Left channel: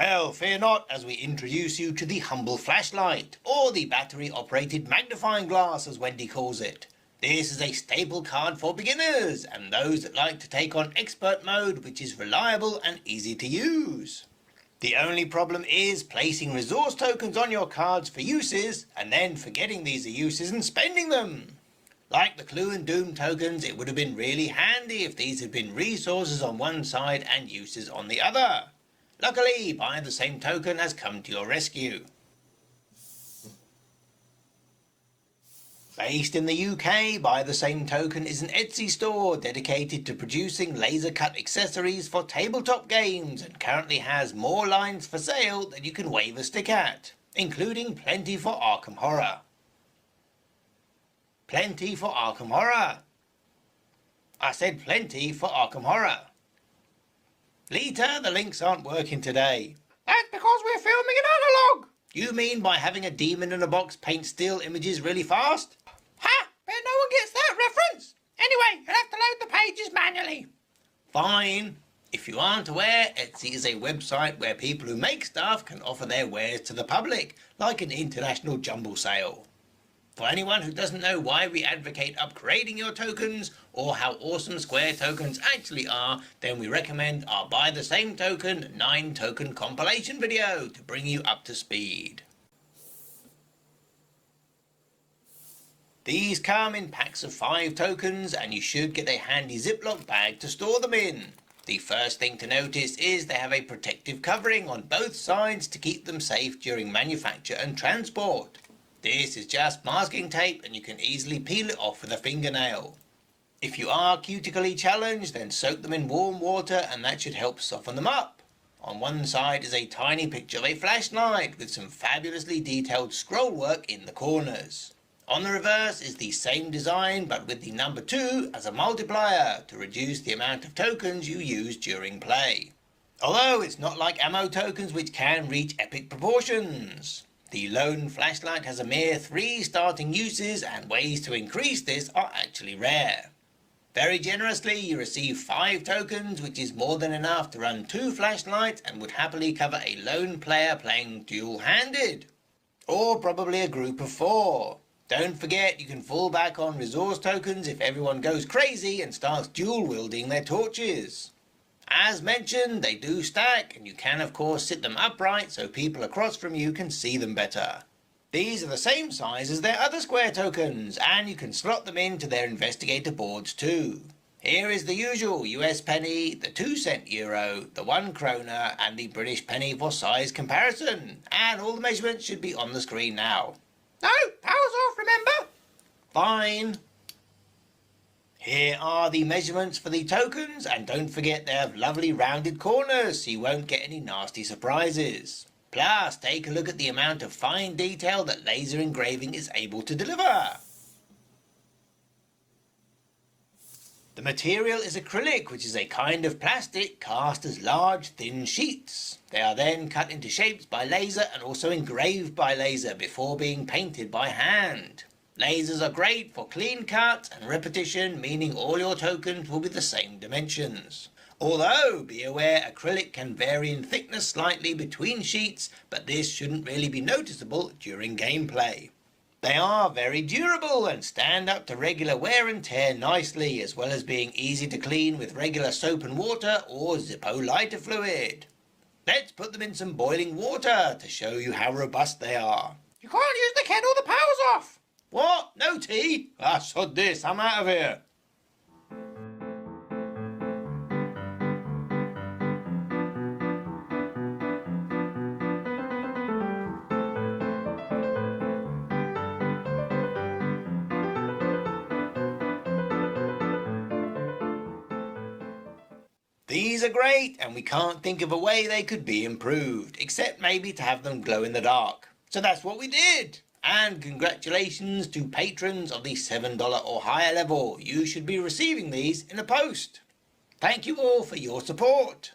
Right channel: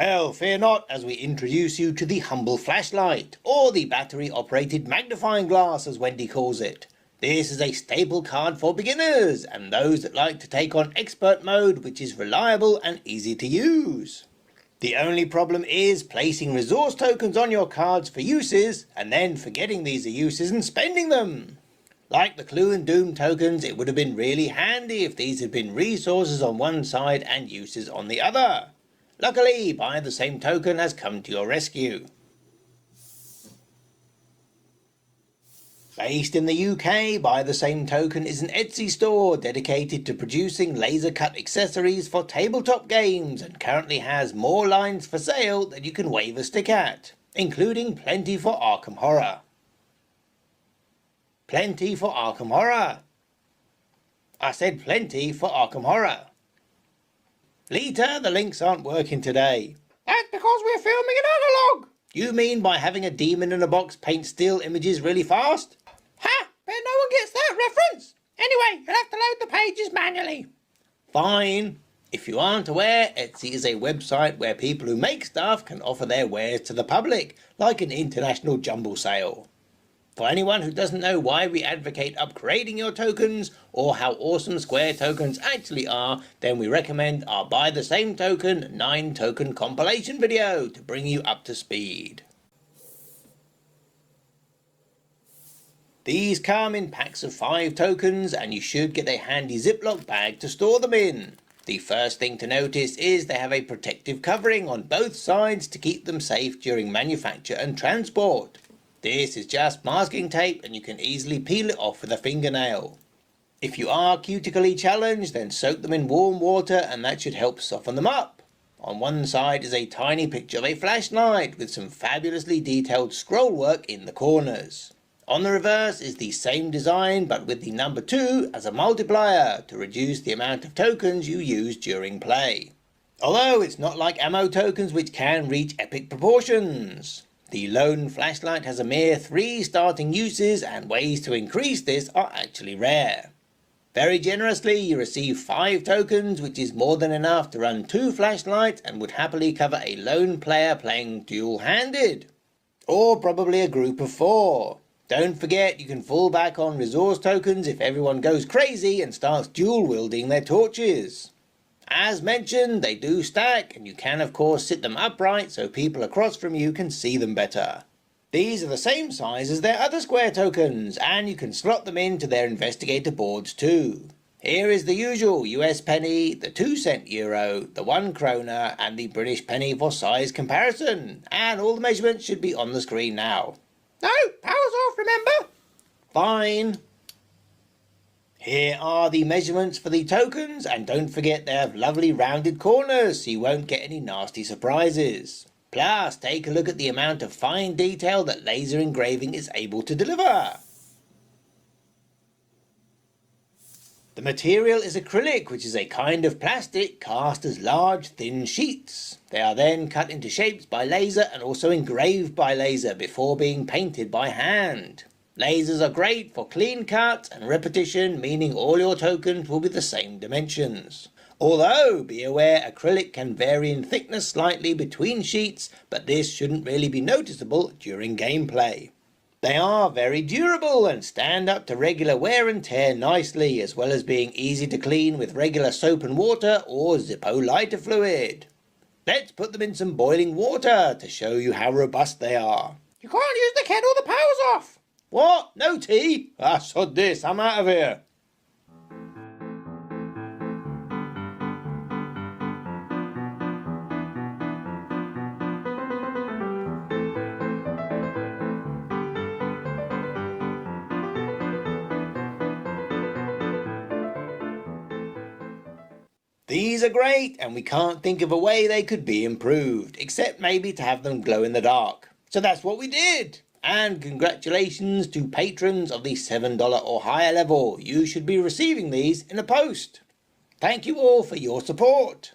Well, fear not as we introduce you to the humble flashlight, or the battery-operated magnifying glass as Wendy calls it. This is a staple card for beginners and those that like to take on expert mode, which is reliable and easy to use. The only problem is placing resource tokens on your cards for uses and then forgetting these are uses and spending them. Like the Clue and Doom tokens, it would have been really handy if these had been resources on one side and uses on the other. Luckily, Buy the Same Token has come to your rescue. Based in the UK, Buy the Same Token is an Etsy store dedicated to producing laser cut accessories for tabletop games and currently has more lines for sale than you can wave a stick at, including plenty for Arkham Horror. Plenty for Arkham Horror. I said plenty for Arkham Horror. Lita, the links aren't working today. That's because we're filming in analog. You mean by having a demon in a box paint still images really fast? Ha! Bet no one gets that reference. Anyway, you'll have to load the pages manually. Fine. If you aren't aware, Etsy is a website where people who make stuff can offer their wares to the public, like an international jumble sale. For anyone who doesn't know why we advocate upgrading your tokens or how awesome Square tokens actually are, then we recommend our Buy the Same Token 9 token compilation video to bring you up to speed. These come in packs of 5 tokens and you should get a handy Ziploc bag to store them in. The first thing to notice is they have a protective covering on both sides to keep them safe during manufacture and transport. This is just masking tape and you can easily peel it off with a fingernail. If you are cutically challenged, then soak them in warm water and that should help soften them up. On one side is a tiny picture of a flashlight with some fabulously detailed scroll work in the corners. On the reverse is the same design but with the number 2 as a multiplier to reduce the amount of tokens you use during play. Although it's not like ammo tokens which can reach epic proportions. The Loudoun Flashlight has a mere 3 starting uses and ways to increase this are actually rare. Very generously you receive 5 tokens, which is more than enough to run 2 flashlights and would happily cover a lone player playing dual-handed. Or probably a group of 4. Don't forget you can fall back on resource tokens if everyone goes crazy and starts dual-wielding their torches. As mentioned, they do stack, and you can of course sit them upright so people across from you can see them better. These are the same size as their other Square tokens, and you can slot them into their investigator boards too. Here is the usual US penny, the 2-cent euro, the 1 kroner, and the British penny for size comparison, and all the measurements should be on the screen now. No, power's off, remember? Fine. Here are the measurements for the tokens, and don't forget they have lovely rounded corners so you won't get any nasty surprises. Plus, take a look at the amount of fine detail that laser engraving is able to deliver. The material is acrylic, which is a kind of plastic cast as large, thin sheets. They are then cut into shapes by laser and also engraved by laser before being painted by hand. Lasers are great for clean cuts and repetition, meaning all your tokens will be the same dimensions. Although, be aware acrylic can vary in thickness slightly between sheets, but this shouldn't really be noticeable during gameplay. They are very durable and stand up to regular wear and tear nicely, as well as being easy to clean with regular soap and water or Zippo lighter fluid. Let's put them in some boiling water to show you how robust they are. You can't use the kettle, the power's off. What? No tea? Ah, sod this, I'm out of here. These are great, and we can't think of a way they could be improved, except maybe to have them glow in the dark. So that's what we did. And congratulations to patrons of the $7 or higher level. You should be receiving these in the post. Thank you all for your support.